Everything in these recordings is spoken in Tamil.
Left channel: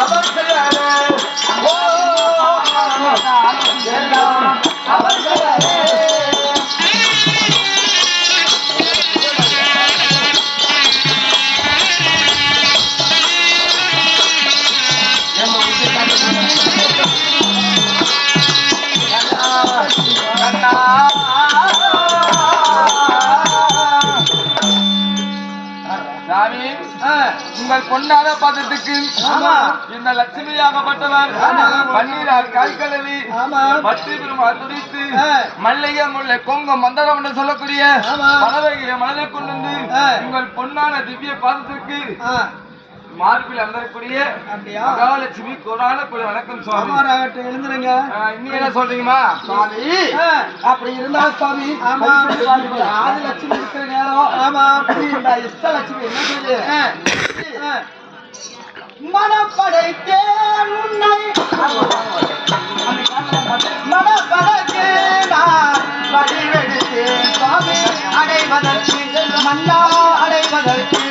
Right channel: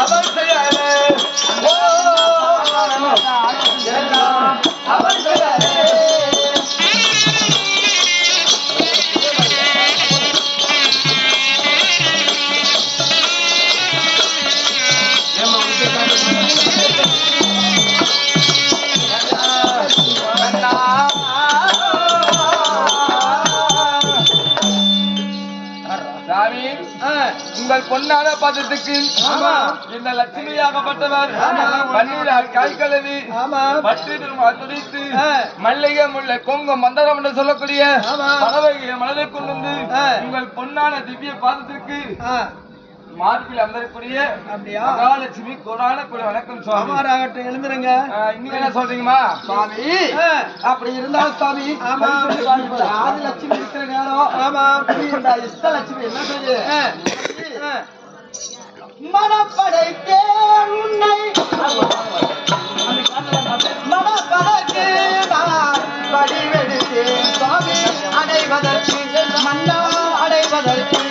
அவர் செய்யாரே அவர் செய்யாரே உங்கள் பொன்னான பாதத்துக்கு இந்த லட்சுமியாகப்பட்டவர் பன்னீரால் காய் கழுவி பற்றி பெருமாள் துடித்து மல்லிகை முல்லை கொங்கு மந்தரம் என்று சொல்லக்கூடிய பறவைகளை மனதை கொண்டு வந்து உங்கள் பொன்னான திவ்ய பாதத்துக்கு மார்பில் அமரக்கூடிய மகாலட்சுமி கோடான குழு வணக்கம் சுவாமி. எழுந்துருங்க. இன்னும் என்ன சொல்றீங்கம்மா சுவாமி? அப்படி இருந்தா சுவாமி ஆதிலட்சுமி இருக்கிற நேரம் ஆமா இந்த இஷ்டலட்சுமி என்ன செய்யுது? மனப்படைத்தேன் உன்னை மனப்படைக்கு நான் படிவெடுத்தேன் சுவாமி அடைவதற்கு மன்னா அடைவதற்கு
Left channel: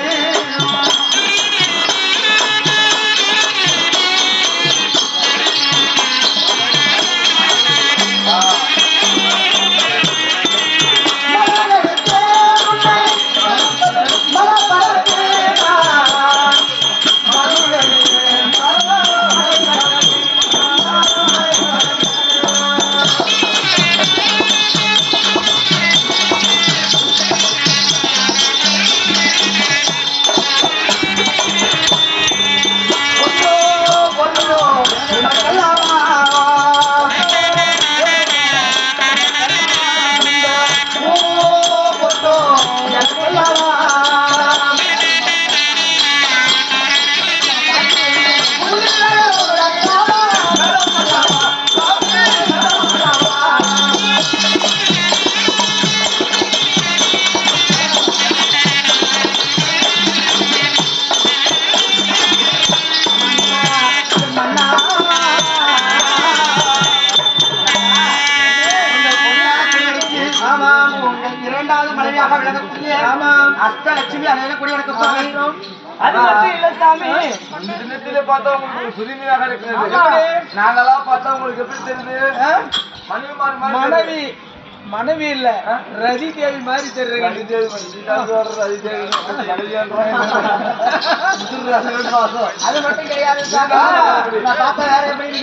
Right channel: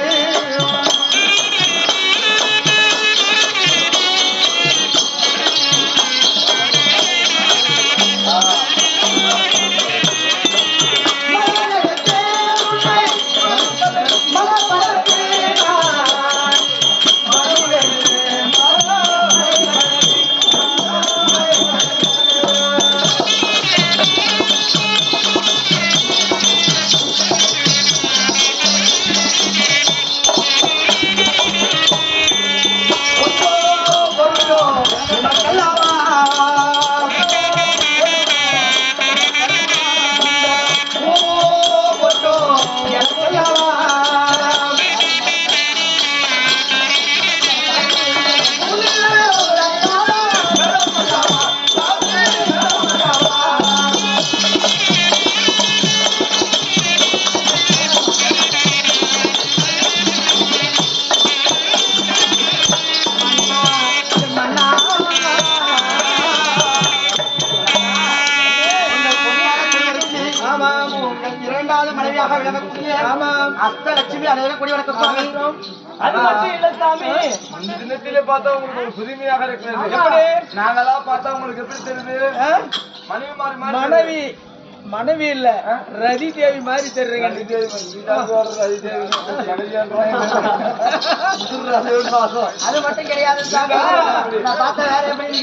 இரண்டாவது மனைவியாக விளங்கக்கூடிய அஷ்டலட்சுமி அனைவரும் வணக்கம் சுவாமி. அது மட்டும் இல்ல சாமி, இந்த தினத்திலே பார்த்தா உங்களுக்கு ஒரு புதுமையாக இருக்கிறது. நாங்களா பார்த்தா உங்களுக்கு எப்படி தெரியுது? மனைவி மனைவி இல்ல ரதி தேவி மாதிரி தெரியுங்க. அது மட்டும் கிடையாது சாமி, நான் பார்த்தா வேற எப்படி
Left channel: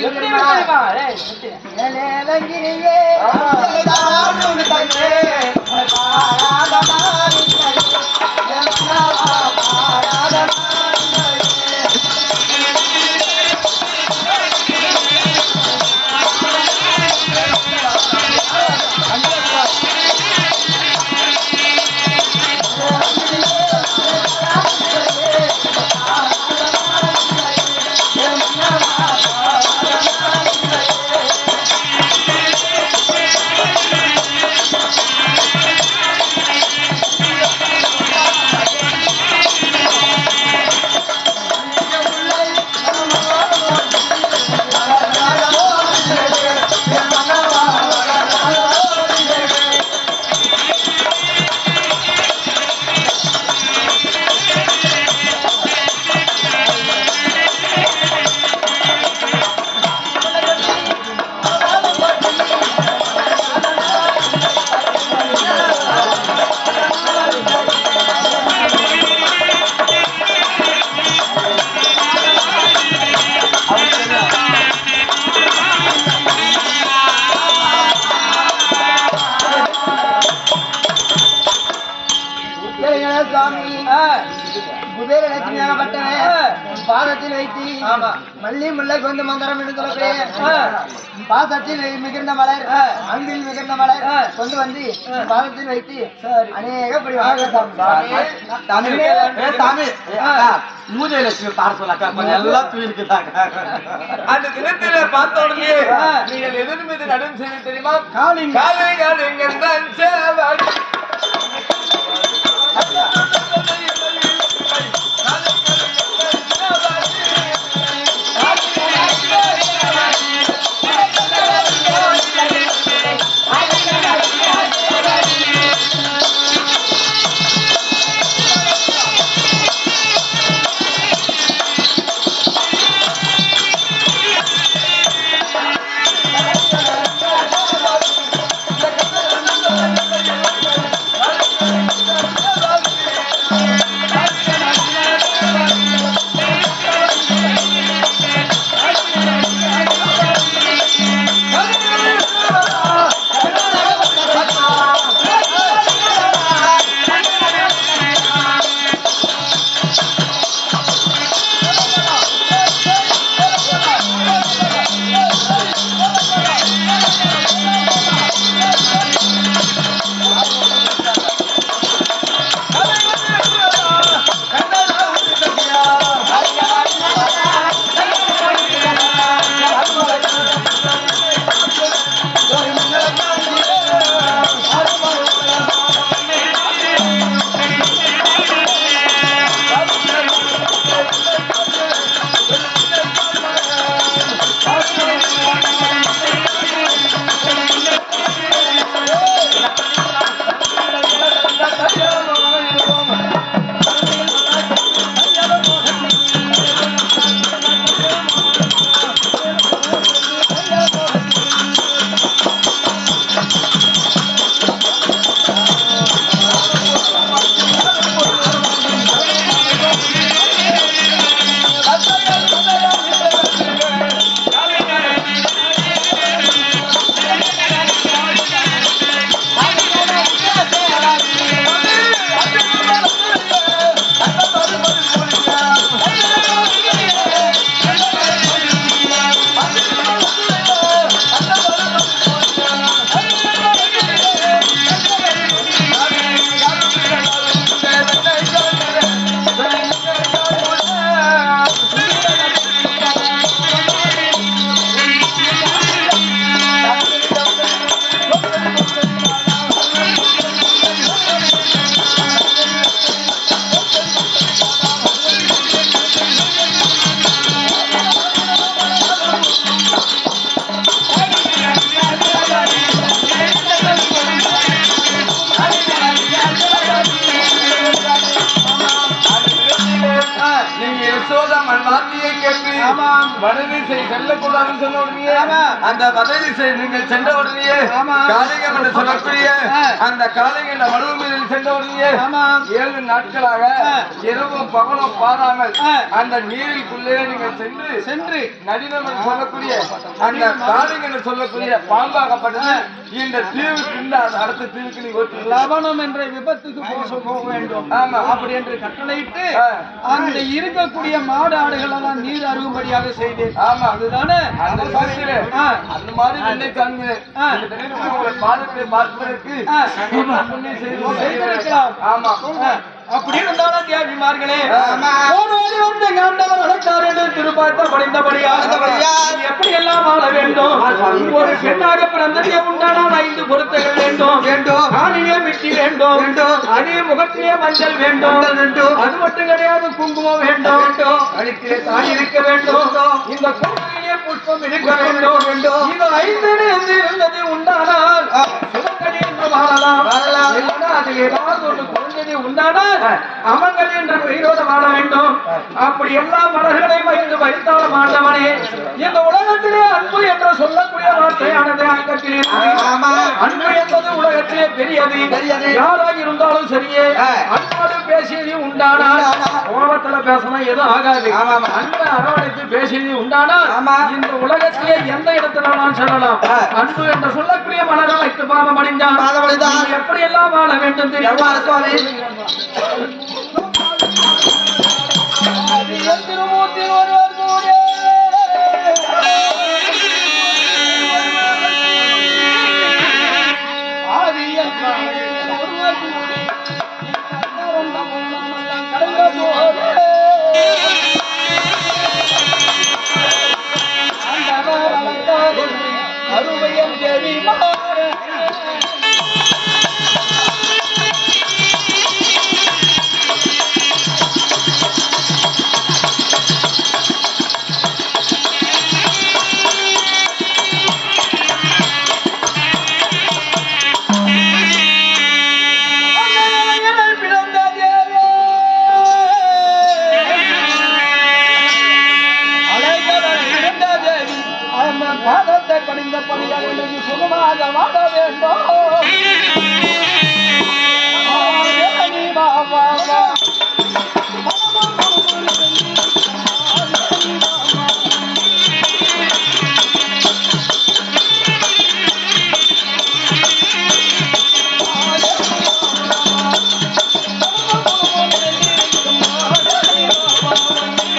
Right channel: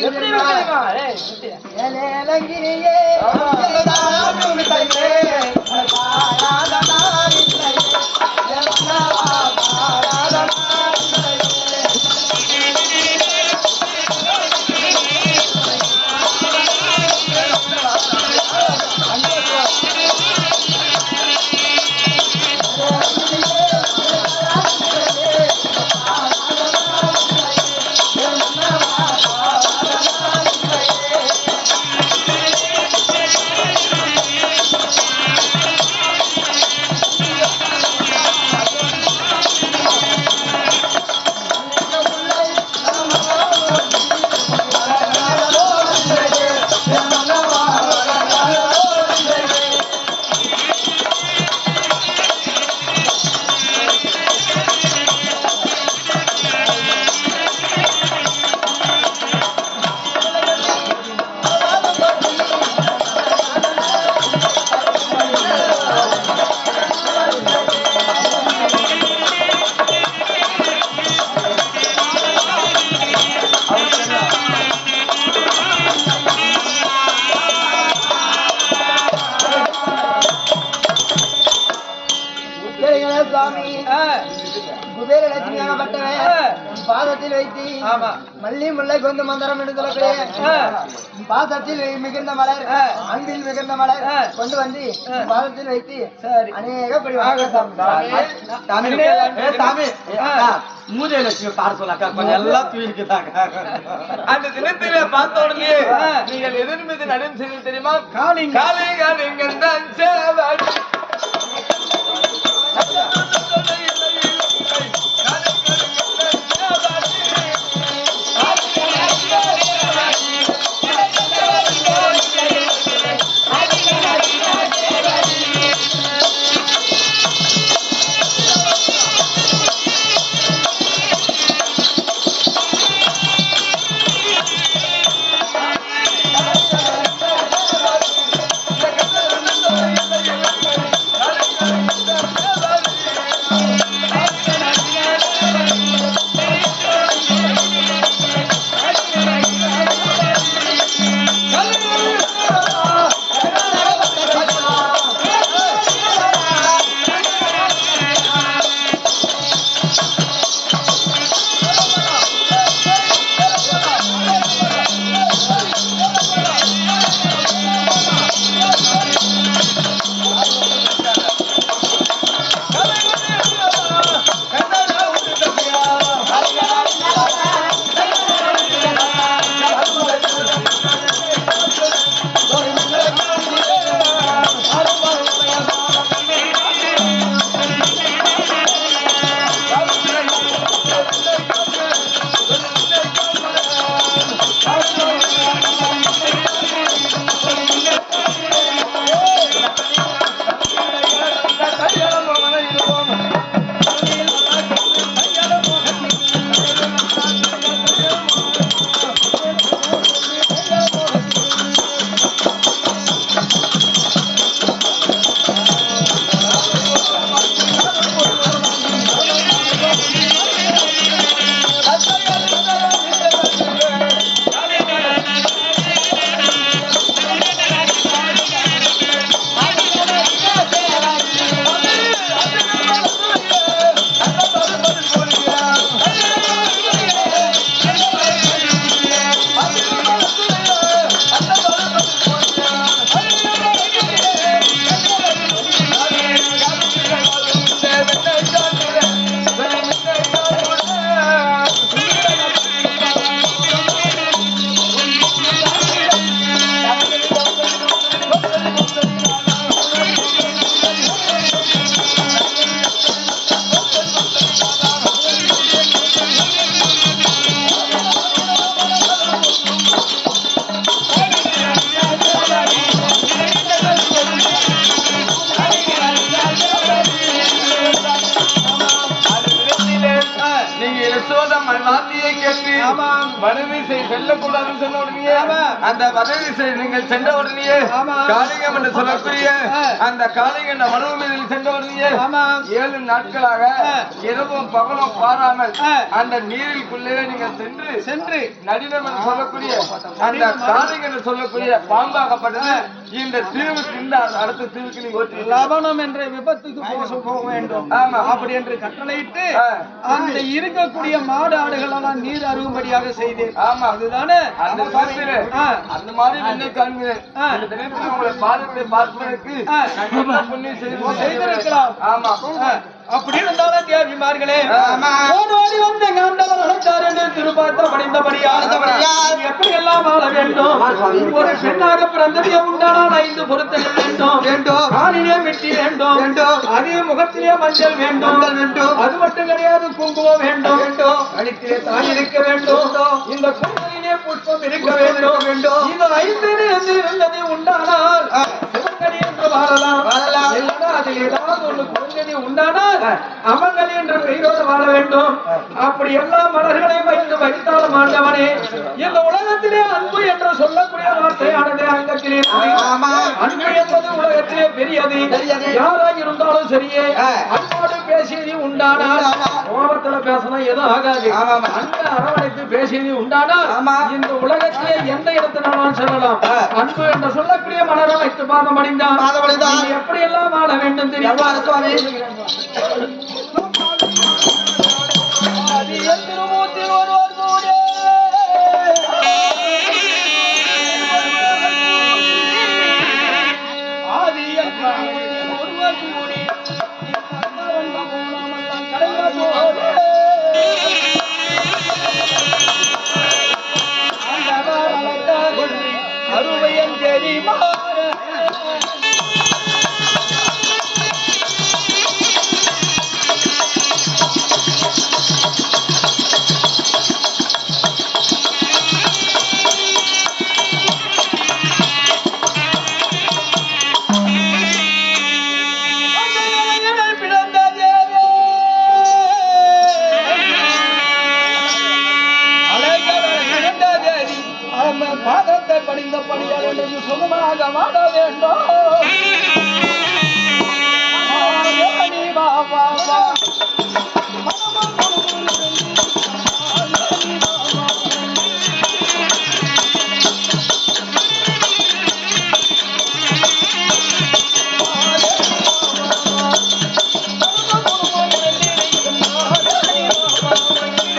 பாதத்தில் வைத்து மல்லி முல்லை கொண்டு மந்திரம் என்று சொல்லக்கூடிய பாதத்தில் மிகுந்த மலர் அன்பில் மிகுந்த மலர் கொண்டு வந்து பாதத்தில் வைத்து அநேக மூஜை லட்சுமி பாட சொல்லாக்கா கொஞ்சம் எல்லாம் தூயிருக்குதாங்க. அந்த தினத்தில பார்த்த உடனே நீங்கள் எதன் மீது நடும் செய்து தெரியுமா? யசோதம்மன் வார்த்தையை கேட்டு வடதிசை செல்லக்கூடாதுன்னு சொன்ன உடனே அந்த வடதிசை நீங்கள் சென்ற உடனே காளிங்கம் என்று சொல்லக்கூடிய அந்த காளிங்க மனுவு மீது சென்ற உடனே 7 நாட்களாக இரவும் பகலும் பாராமல் அந்த நீரிற்குள்ளே நீங்கள் சென்று நடினம் என்று சொல்லக்கூடிய அந்த காளிங்க என்று சொல்லக்கூடிய பாம்பாகப்பட்டது இந்த தீவுக்கு இந்த அடுத்த தீவுக்கு நீ ஓட்டி லவணம் என்ற விபத்துக்கு போக வேண்டும். ஆமா, அப்படி என்று கட்டளையிட்டு அந்த இருக்கக்கூடிய மாடு ஆடுகள் எல்லாம் நீர் அருகும்படியாக செய்தேன். ஆமா, அதுதானே அந்த மாதிரி என்னை காண்கிறேன். உங்களை பாதத்தை பார்ப்பதற்கு செய்திருக்கலாம். ஆமா, அப்படி இருந்தாலும் தேவிமார்களே ஓடோடி வந்து ஆண்டவர் அழைத்தார் என்று திருப்பார்த்த எப்படி எல்லாம் ஆள வேண்டும். ஒரு பெண்ணாக பிறந்ததே உண்டானால் 5 பொருத்தங்கள் வேண்டும். காலிலே மெட்டி வேண்டும். அதே முகத்திலே மஞ்சள் வேண்டும். அது மட்டும் கிடையாது, குங்குமம் வேண்டும். கழுத்திலே தாய் இருக்க வேண்டும். இந்த கோவிலே புஷ்பம் இருக்க வேண்டும். இது 5 இருந்தது உண்டானால் சிவகடி என்று வாழலாம். அதில் ஏதாவது ஒன்று குறைந்தது உண்டானால் அமங்கல் என்ற பெயரோடு வாழ வேண்டும். அப்படி எல்லா மலர்களையும் வைத்து வைத்தாலும் ஆண்டவனே, இந்த உலகத்திலே அன்பு என்று சொல்லக்கூடிய வார்த்தையானது அங்கத்திலே அன்பு என்பது உலகத்திலே பெரியது. யாராக இருந்தாலும் சரியே அன்போடு பேசியது உண்டானால் கோபத்துல பேசலாம் எதுவும் ஆகாது. அன்பு அரவணைத்து பேசியது உண்டானால் இந்த உலகத்திலே எந்த இடத்தினாலும் சொல்லலாம். அன்பு என்று சொல்லக்கூடிய மலரம் வைத்து பாதம் அடைந்தான் எப்படி எல்லாம் வாழ வேண்டும் தெரியுமா? திருமூர்த்தியில் ஒருவர் கூட ஒருவர் கூடி வந்த போனாமெல்லாம் கடந்த போது அந்த அருவையன் தேவி மாற பாதத்தை படிந்த படியால் சுகமாக வாழ வேண்டும்.